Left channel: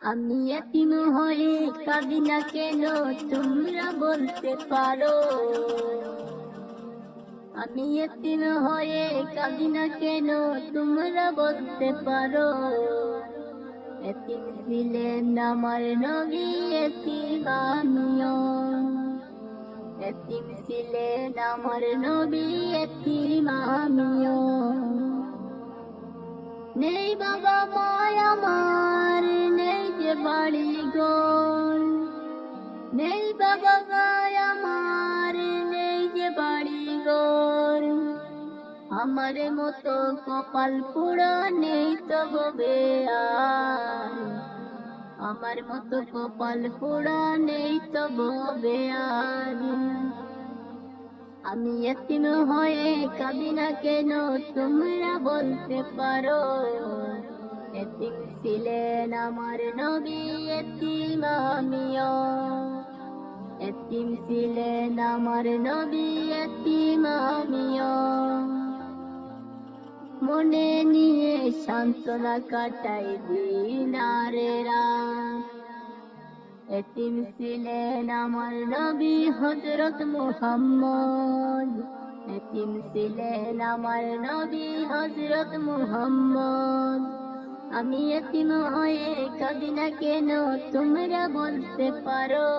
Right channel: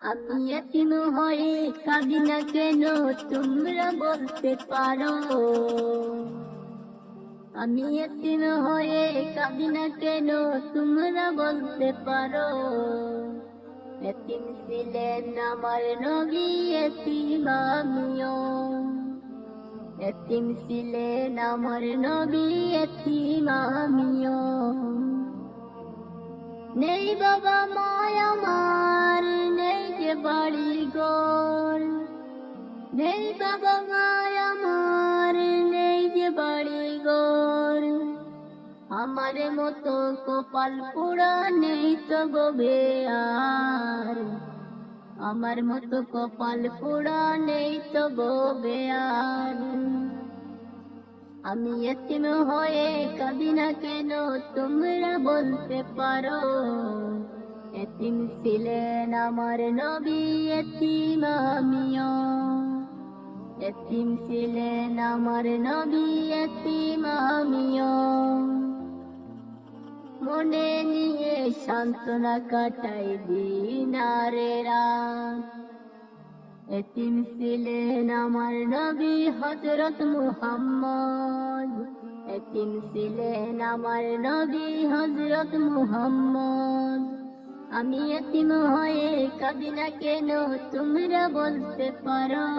আমি এতিম হয়ে কাঁদি না কেন? তোমরা বলতে পারো। আমি এতিম হয়ে কাঁদি না কেন? তোমরা বলতে পারো। এতিম ছিলেন আমার নবী এতিম আমিও। এতিম ছিলেন আমার নবী এতিম আমিও। নেই বাবা মায় আমার মতো কপাল পোড়া নেই তো ববে আর আমার মতো কপাল পোড়া নেই তো ববে আর আমি এতিম হয়ে কাঁদি না কেন, তোমরা বলতে পারো। এতিম ছিলেন আমার নবী এতিম আমিও। এতিম ছিলেন আমার নবী এতিম আমিও। মনে নিয়ে সান্ত্বনা কাটাই দিনারে এতিম ছিলেন আমার নবী হজরত মুহাম্মদ। এতিম ছিলেন আমার নবী হজরত মুহাম্মদ। আমি এতিম হয়ে কাঁদি না কেন তোমরা বলতে পারো?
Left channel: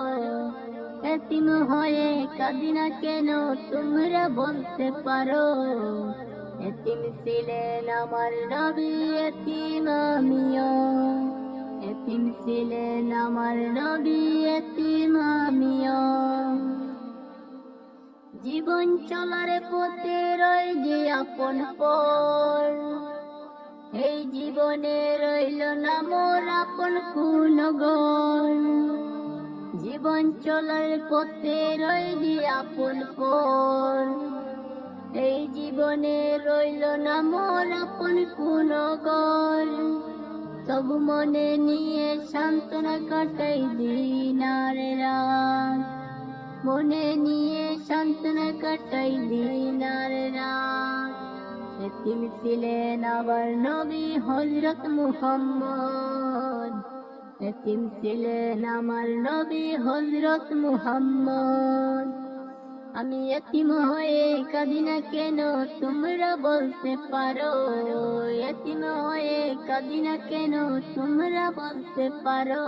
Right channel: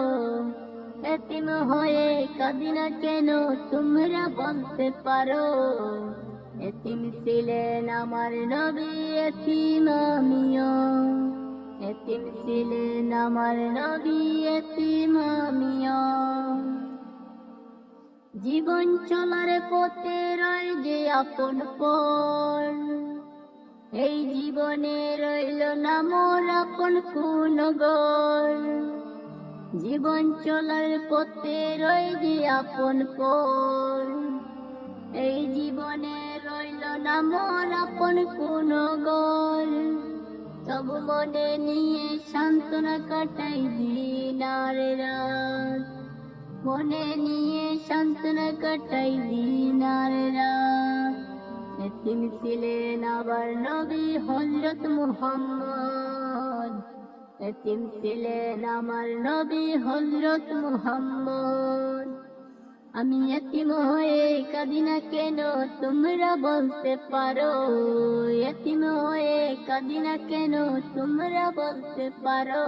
এতিম হয়ে কাঁদি না কেন তোমরা বলতে পারো? এতিম ছিলেন আমার নবী এতিম আমিও। এতিম ছিলেন আমার নবী এতিম আমিও। জীবন চলার পথে রয় যে আপন পর এই জীবনে রইল না মোর আপন কোন ঘর। জীবন চলার পথে রয় যে আপন পর এই জীবনে না আপন কোন ঘর তবু মনে নিয়ে সান্ত্বনা কাটাই দিন আর রাত। মনে নিয়ে সান্ত্বনা কাটাই দিন আর রাত। এতিম ছিলেন আবার নবী হজরত মুহাম্মদ। এতিম ছিলেন আমার নবী হজরত মুহাম্মদ। আমি এতিম হয়ে কাঁদি কেন তোমরা বলতে পারো? এতিম হয়ে কাঁদি কেন তোমরা বলতে পারো?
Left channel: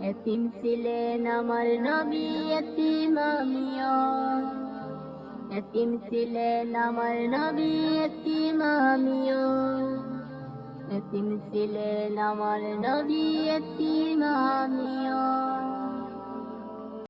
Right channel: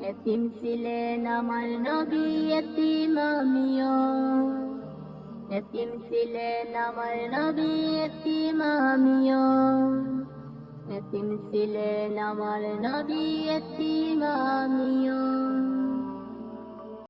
এতিম ছিলেন আমার নবী, এতিম আমিও। এতিম ছিলেন আমার নবী, এতিম আমিও। এতিম ছিলেন আমার নবী, এতিম